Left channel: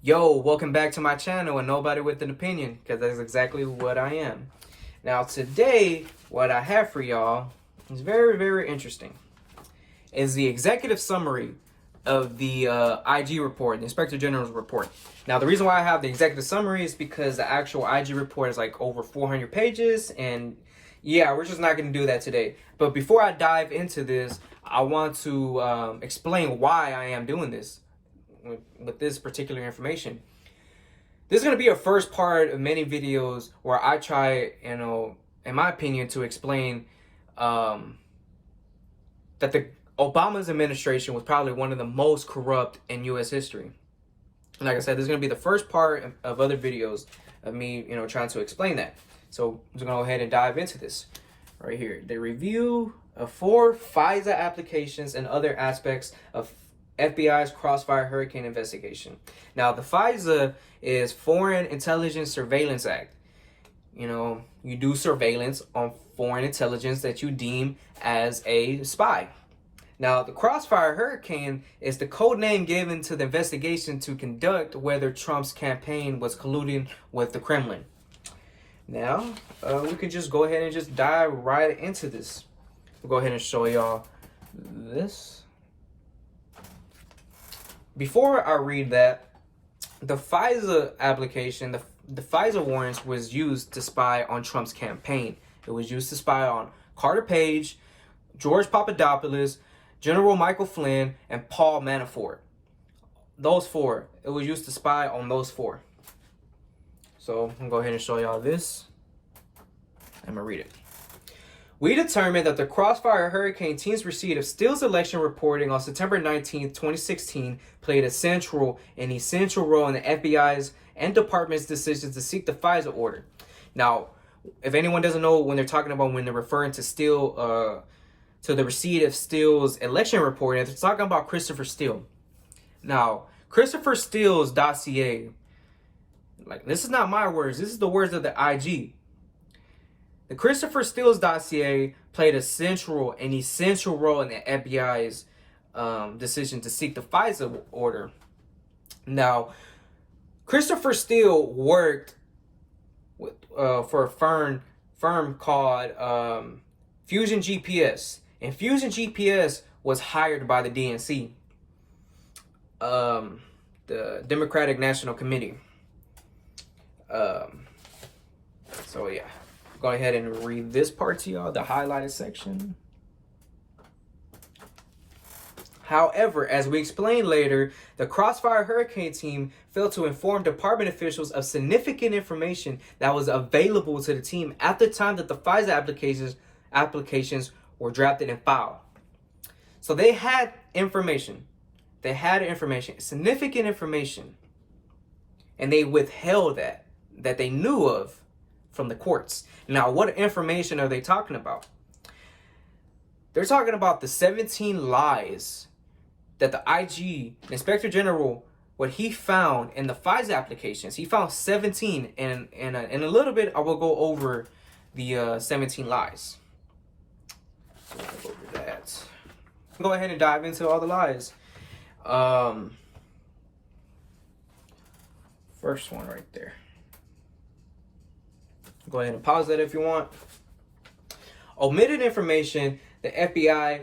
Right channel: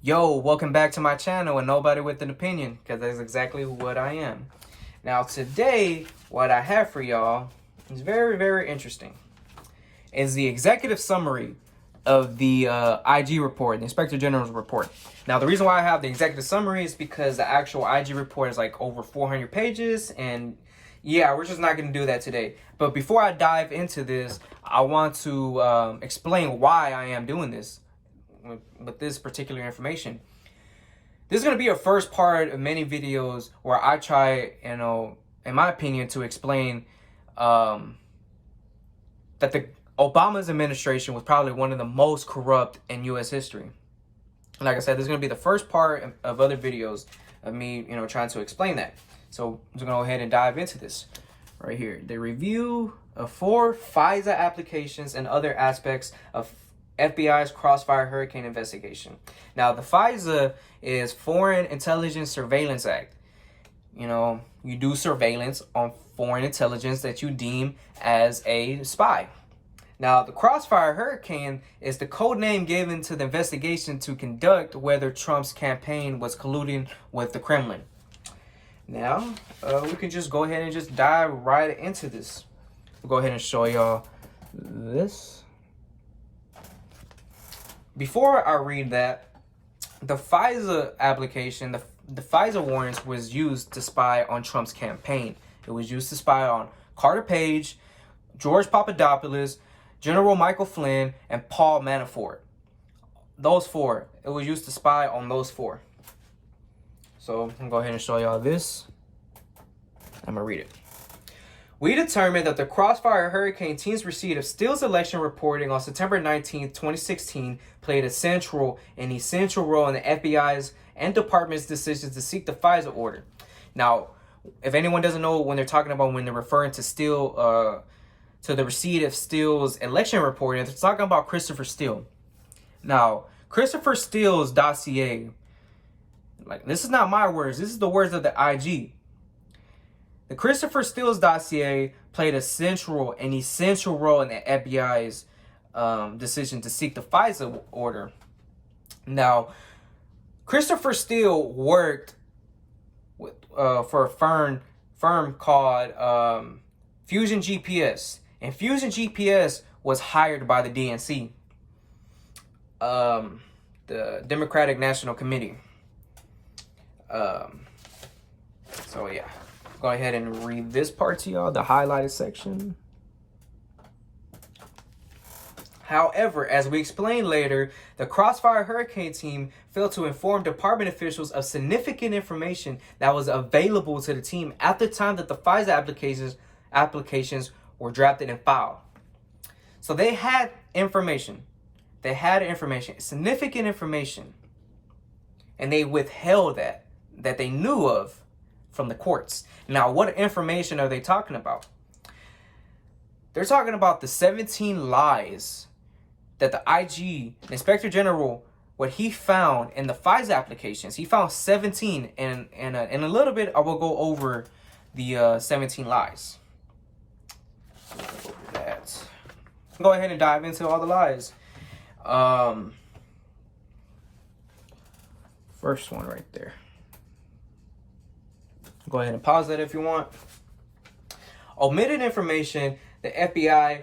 Yo, welcome back to my channel and nobody with an opinion, because that's exactly what I am. Now today, what I have for y'all is very interesting. Is the executive summary of the IG report, the Inspector General's report. Now the reason why I have the executive summary is because the actual IG report is like over 400 pages, and yeah, we're just not going to do that today. But before I dive into this, I want to explain why I am doing this with this particular information. This is going to be a first part of many videos where I try, in my opinion, to explain that the Obama's administration was probably one of the most corrupt in U.S. history. Like I said, this is going to be the first part of other videos of me, trying to explain that. So I'm just going to go ahead and dive into this right here. The review of 4 FISA applications and other aspects of FBI's Crossfire Hurricane investigation. Now, the FISA is Foreign Intelligence Surveillance Act. You do surveillance on foreign intelligence that you deem as a spy. Now, the Crossfire Hurricane is the code name given to the investigation to conduct whether Trump's campaign was colluding with the Kremlin. Now, we can just go ahead and just dive right into this. We'll go ahead and show y'all this. Before I read that, the FISA application, the FISA warrants was used to spy on Trump's campaign. It was used to spy on Carter Page, George Papadopoulos, General Michael Flynn, and Paul Manafort. Those 4. It was used to spy on those 4. So I'm gonna go ahead and show y'all this. I'm gonna read it. We determined that the Crossfire Hurricane team's receipt of Steele's election reporting on September 19th, 2016 played a central and essential role in the FBI's and department's decision to seek the FISA order. Now, if anyone doesn't know when they're referring to Steele, to the receipt of Steele's election reporting, they're talking about Christopher Steele. Now, Christopher Steele's dossier, this is not my words, this is the words of the IG. The Christopher Steele's dossier played a central and essential role in the FBI's decision to seek the FISA order. Now, Christopher Steele worked for a firm called Fusion GPS, and Fusion GPS was hired by the DNC, the Democratic National Committee. So yeah. Go ahead and read this part to y'all, the highlighted section. However, as we explain later, the Crossfire Hurricane team failed to inform department officials of significant information that was available to the team at the time that the FISA applications were drafted and filed. So they had information. Significant information. And they withheld that they knew of from the courts. Now, what information are they talking about? They're talking about the 17 lies that the IG, the Inspector General, what he found in the FISA applications. He found 17, and in a little bit, I will go over the 17 lies. So over that. Go ahead and dive into all the lies. First one right there. Go ahead and pause that if you want. Omitted information the FBI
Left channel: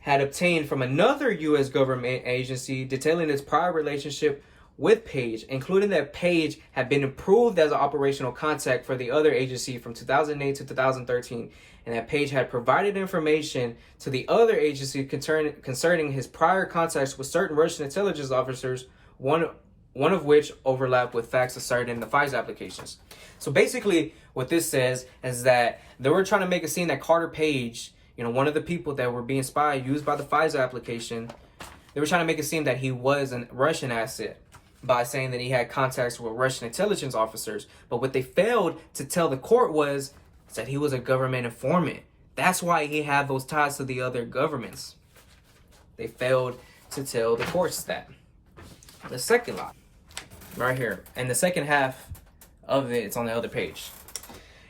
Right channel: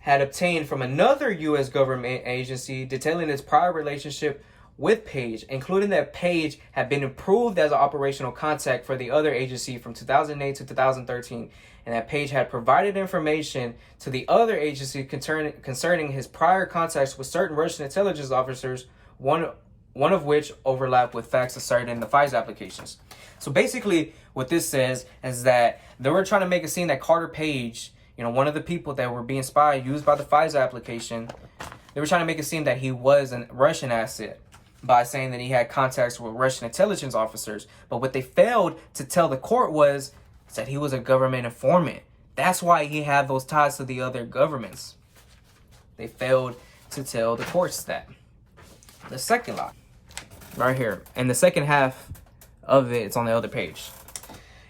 had obtained from another U.S. government agency detailing its prior relationship with Page, including that Page had been approved as an operational contact for the other agency from 2008 to 2013, and that Page had provided information to the other agency concerning his prior contacts with certain Russian intelligence officers, one of which overlapped with facts asserted in the FISA applications. So basically, what this says is that they were trying to make a scene that Carter Page, one of the people that were being spied, used by the FISA application, they were trying to make it seem that he was a Russian asset by saying that he had contacts with Russian intelligence officers. But what they failed to tell the court was that he was a government informant. That's why he had those ties to the other governments. They failed to tell the courts that. The second lie, right here, and the second half of it's on the other page,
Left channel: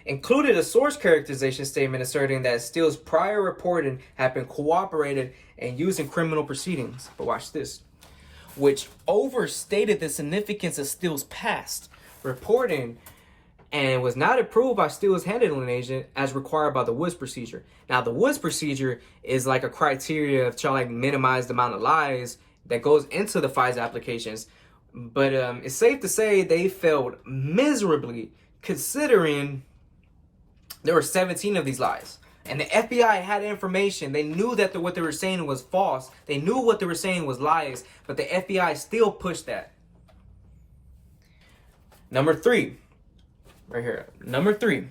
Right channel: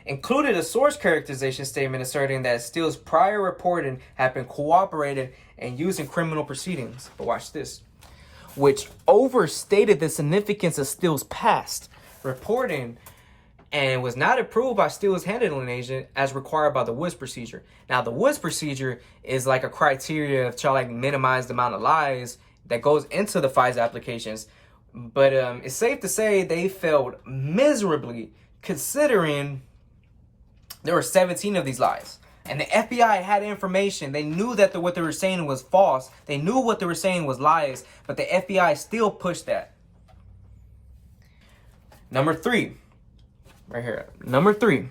included a source characterization statement asserting that Steele's prior reporting had been cooperated and used in criminal proceedings. But watch this. which overstated the significance of Steele's past, reporting and was not approved by Steele's handling agent as required by the Woods procedure. Now, the Woods procedure is like a criteria of trying to minimize the amount of lies that goes into the FISA applications. But it's safe to say they failed miserably, considering there were 17 of these lies. And the FBI had information. They knew that what they were saying was false. They knew what they were saying was lies, but the FBI still pushed that. Number 3. Right here. Number 3.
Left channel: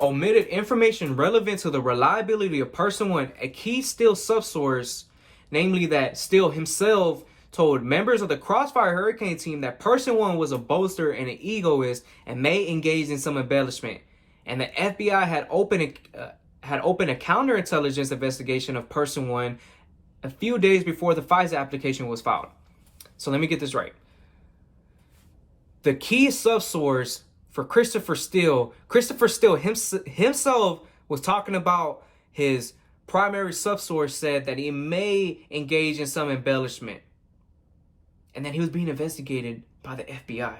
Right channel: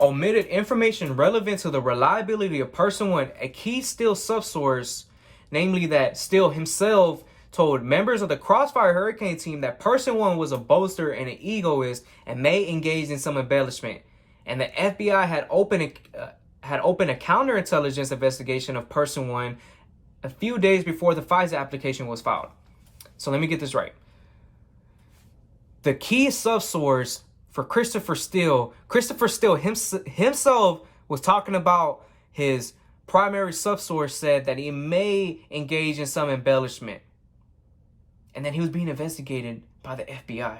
Omitted information relevant to the reliability of person 1, a key Steele subsource, namely that Steele himself told members of the Crossfire Hurricane team that person 1 was a boaster and an egoist and may engage in some embellishment. And the FBI had opened a counterintelligence investigation of person 1 a few days before the FISA application was filed. So let me get this right. The key subsource for Christopher Steele himself was talking about his primary subsource said that he may engage in some embellishment. And then he was being investigated by the FBI.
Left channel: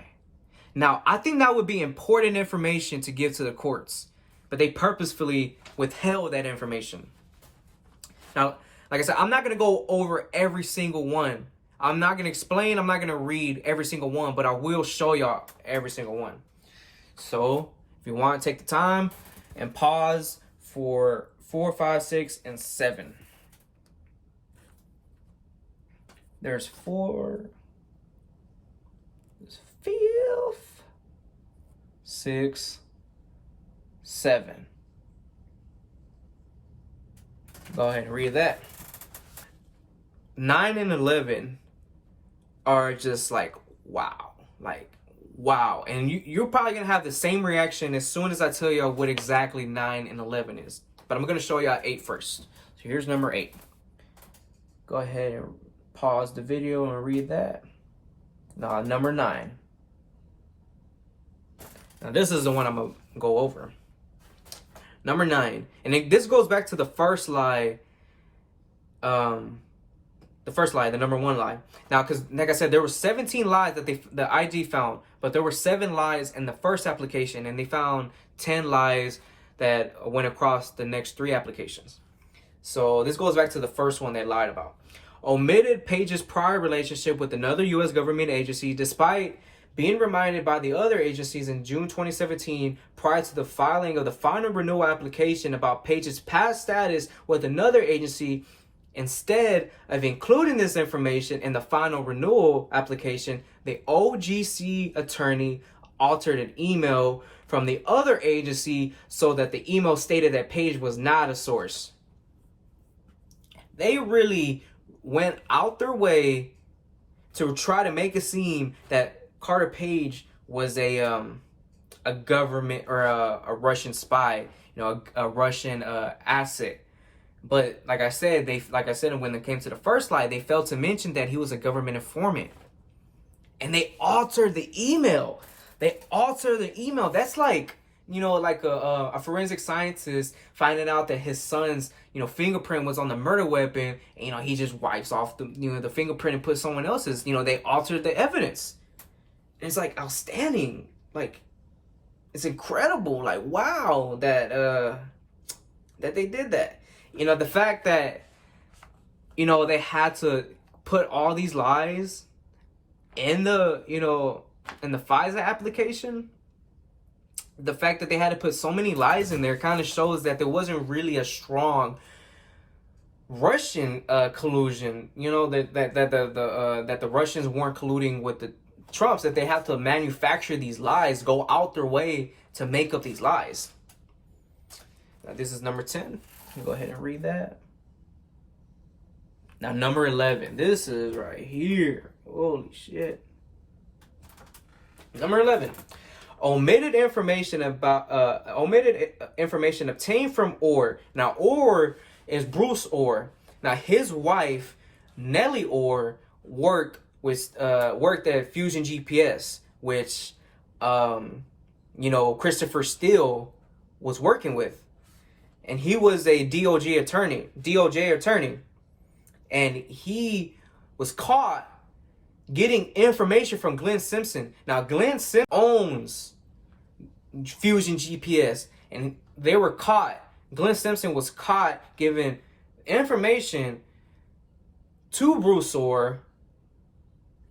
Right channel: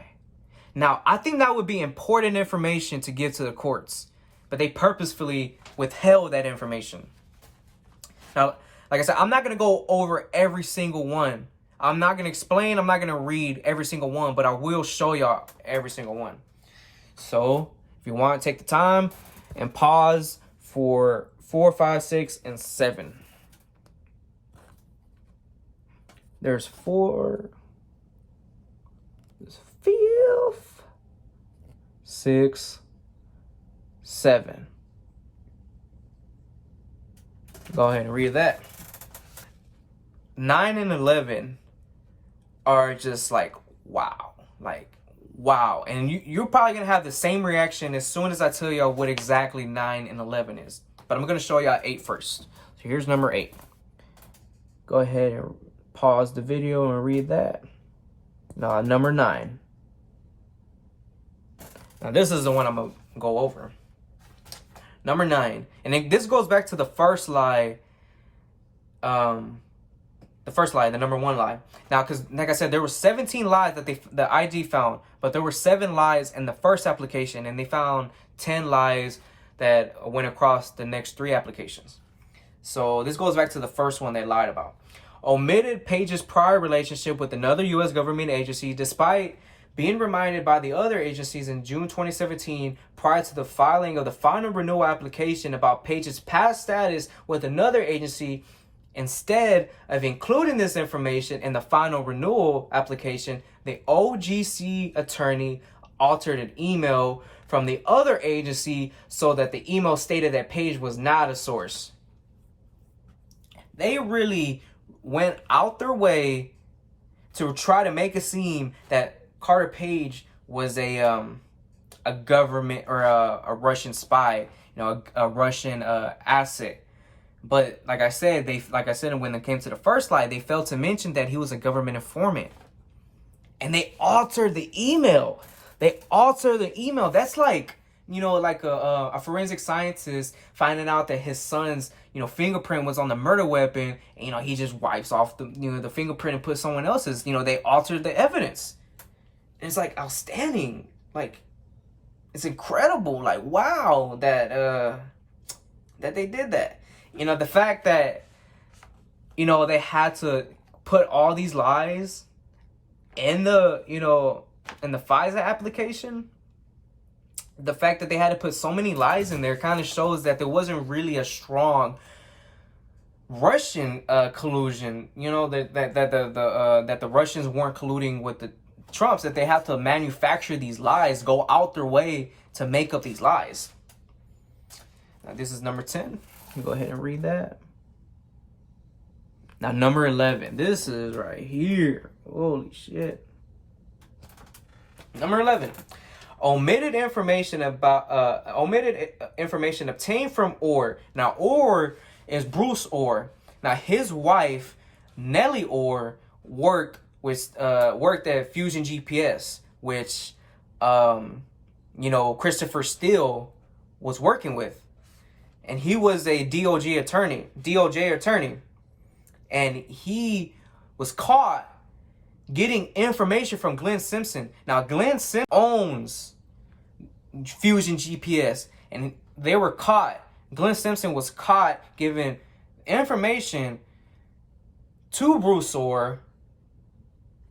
Now, I think that would be important information to give to the courts, but they purposefully withheld that information. Now, like I said, I'm not going to go over every single one. I'm not going to explain. I'm not going to read every single one, but I will show y'all every single one. So if you want to take the time and pause for 4, 5, 6, and 7. There's 4. There's 5, 6, 7. Go ahead and read that. 9 and 11 are just like, wow. Like, wow. And you're probably going to have the same reaction as soon as I tell y'all what exactly 9 and 11 is. But I'm going to show y'all 8 first. So here's number 8. Go ahead and pause the video and read that. Now, number 9. Now, this is the one I'm going to go over. Number 9. And this goes back to the first lie. The number 1 lie. Now, because like I said, there were 17 lies that the IG found, but there were 7 lies in the first application, and they found 10 lies that went across the next 3 applications. So this goes back to the first one they lied about. Omitted Page's prior relationship with another U.S. government agency, despite being reminded by the other agencies in June 2017 prior to the filing of the final renewal application about Page's past status with another agency. Instead of including this information in the final renewal application, the OGC attorney altered an email from the other agency so that the email stated that Page was not a source. They really went out their way to try to make it seem that Carter Page was a government or a Russian spy, a Russian asset. But like I said, when it came to the first lie, they failed to mention that he was a government informant. And they altered the email. That's like, like a forensic scientist finding out that his son's, fingerprint was on the murder weapon. And, he just wipes off the fingerprint and puts someone else's. They altered the evidence. And it's like outstanding. Like, it's incredible. Like, wow, that they did that. The fact that, they had to put all these lies in the FISA application, the fact that they had to put so many lies in there kind of shows that there wasn't really a strong Russian collusion, that the Russians weren't colluding with the Trumps, that they have to manufacture these lies, go out their way to make up these lies. Now, this is number 10. You go ahead and read that. Now, number 11. This is right here. Holy shit. Number 11. Omitted information obtained from Orr. Now, Orr is Bruce Orr. Now, his wife, Nellie Orr, worked at Fusion GPS, which Christopher Steele was working with. And he was a DOJ attorney. and he was caught getting information from Glenn Simpson. Now, Glenn Simpson owns Fusion GPS, and they were caught. Glenn Simpson was caught giving information to Bruce Ohr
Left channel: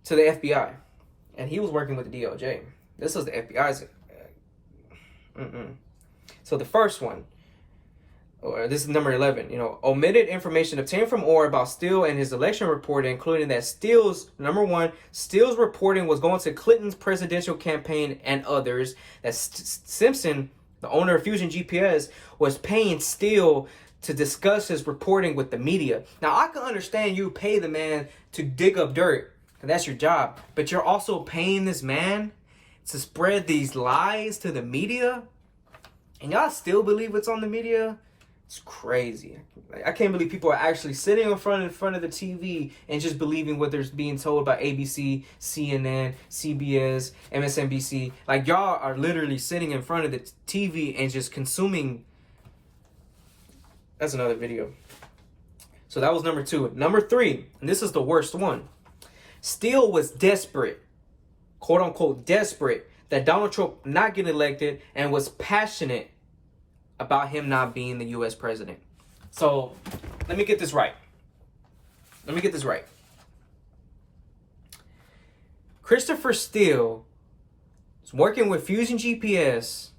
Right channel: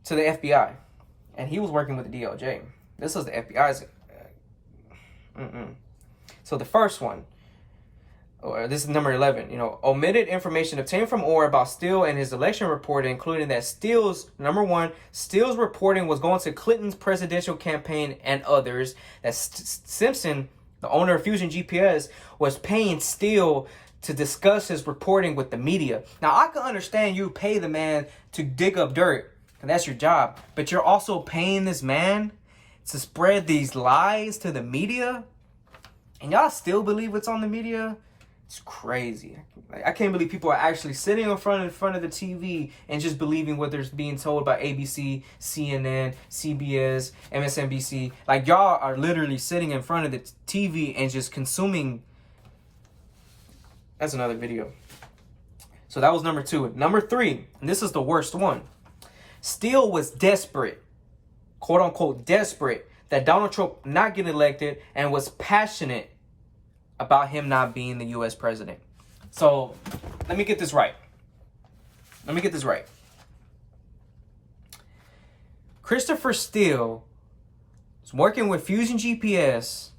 to the FBI, and he was working with the DOJ. This was the FBI's. So the first one, or this is number 11, omitted information obtained from Ohr about Steele and his election reporting, including that Steele's reporting was going to Clinton's presidential campaign and others, that Simpson, the owner of Fusion GPS, was paying Steele to discuss his reporting with the media. Now, I can understand you pay the man to dig up dirt, and that's your job, but you're also paying this man to spread these lies to the media, and y'all still believe it's on the media? It's crazy. I can't believe people are actually sitting in front of the TV and just believing what they're being told by ABC, CNN, CBS, MSNBC. Like, y'all are literally sitting in front of the TV and just consuming. That's another video. So that was number 2. Number 3, and this is the worst one. Steele was desperate, quote unquote desperate, that Donald Trump not get elected, and was passionate about him not being the U.S. president. So let me get this right. Christopher Steele is working with Fusion GPS,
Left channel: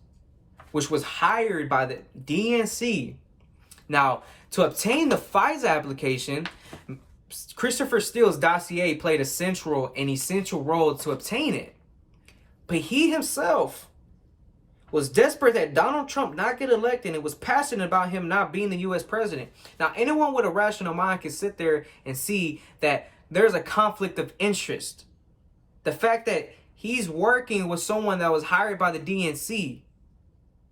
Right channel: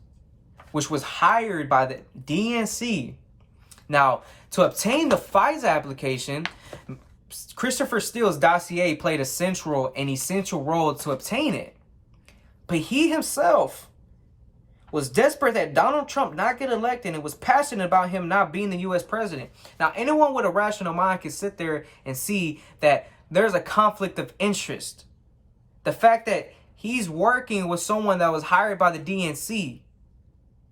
which was hired by the DNC. Now, to obtain the FISA application, Christopher Steele's dossier played an essential role to obtain it. But he himself was desperate that Donald Trump not get elected and was passionate about him not being the U.S. president. Now, anyone with a rational mind can sit there and see that there's a conflict of interest. The fact that he's working with someone that was hired by the DNC,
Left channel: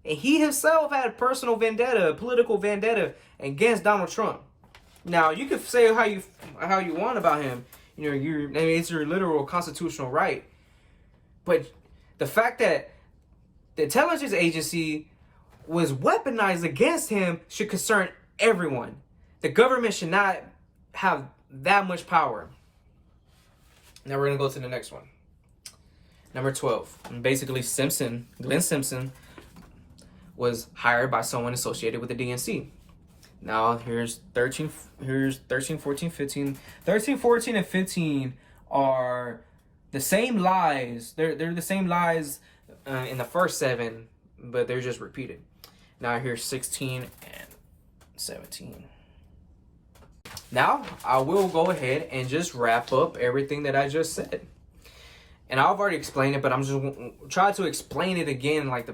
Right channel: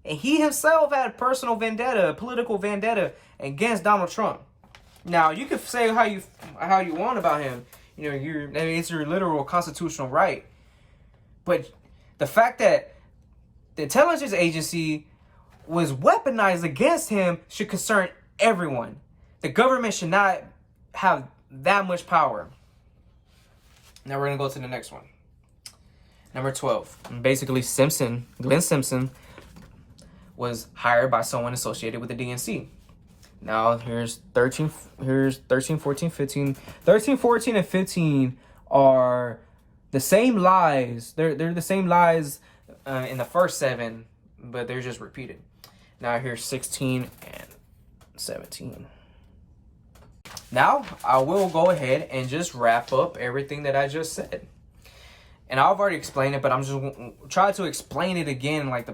and he himself had a personal vendetta, a political vendetta against Donald Trump. Now, you can say how you want about him. It's your literal constitutional right. But the fact that the intelligence agency was weaponized against him should concern everyone. The government should not have that much power. Now we're going to go to the next one. Number 12. Basically, Glenn Simpson, was hired by someone associated with the DNC. Now, here's 13, 14, 15. 13, 14, and 15 are the same lies. They're the same lies in the first 7, but they're just repeated. Now, here's 16 and 17. Now, I will go ahead and just wrap up everything that I just said. And I've already explained it, but I'm just trying to explain it again, like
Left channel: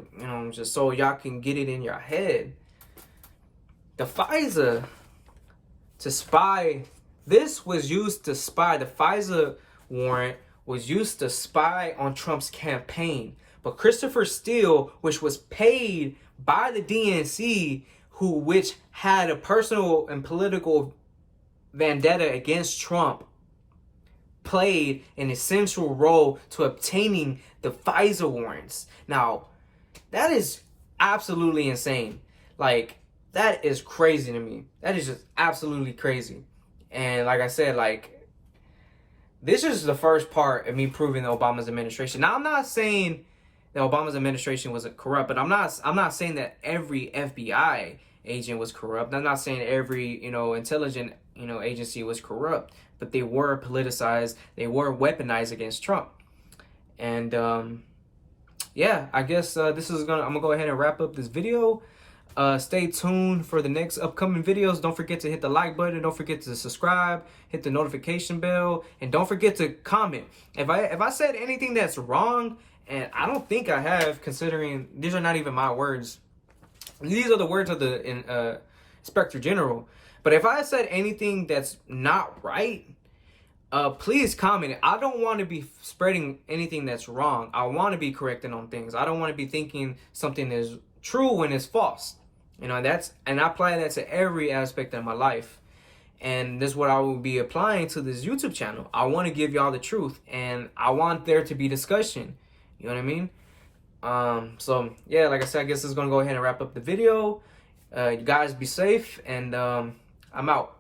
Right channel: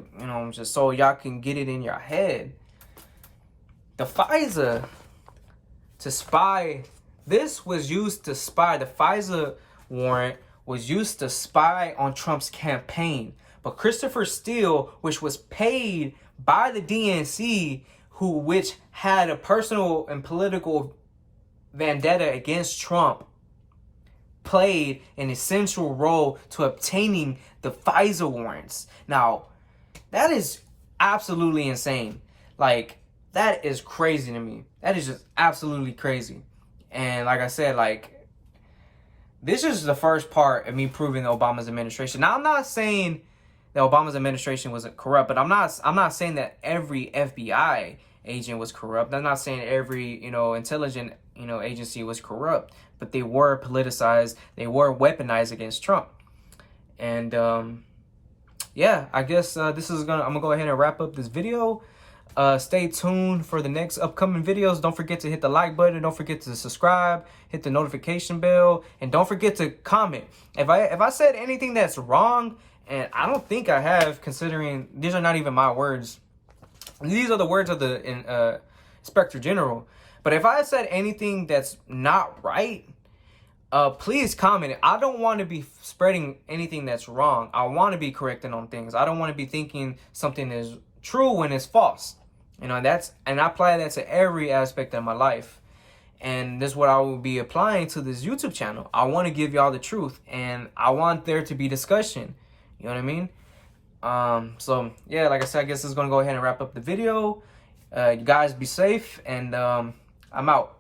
just so y'all can get it in your head. The FISA to spy, this was used to spy. The FISA warrant was used to spy on Trump's campaign. But Christopher Steele, which was paid by the DNC, which had a personal and political vendetta against Trump, played an essential role to obtaining the FISA warrants. Now, that is absolutely insane. Like, that is crazy to me. That is just absolutely crazy. And like I said, like, this is the first part of me proving Obama's administration. Now, I'm not saying that Obama's administration wasn't corrupt, but I'm not saying that every FBI agent was corrupt. I'm not saying every, intelligent, agency was corrupt, but they were politicized. They were weaponized against Trump. And yeah, I guess I'm gonna go ahead and wrap up this video. Stay tuned for the next upcoming videos. Don't forget to hit the like button. Don't forget to subscribe, hit the notification bell, and don't forget to comment. If I said anything that's wrong, and I don't think I have, considering these are not even my words. These are the words of the Inspector General. But if I said anything that's not right, please comment. I don't want to be spreading anything that's wrong. I want to be correcting on things. I don't want to be thinking something is true when it's false. And I apply that to every aspect of my life. And this is what I will be applying to this YouTube channel. I want to give y'all the truth, and I want there to be discussion. You know what I mean? So yeah, like I said, I guess this is gonna go ahead and wrap up the video. You guys be safe, and I'm out.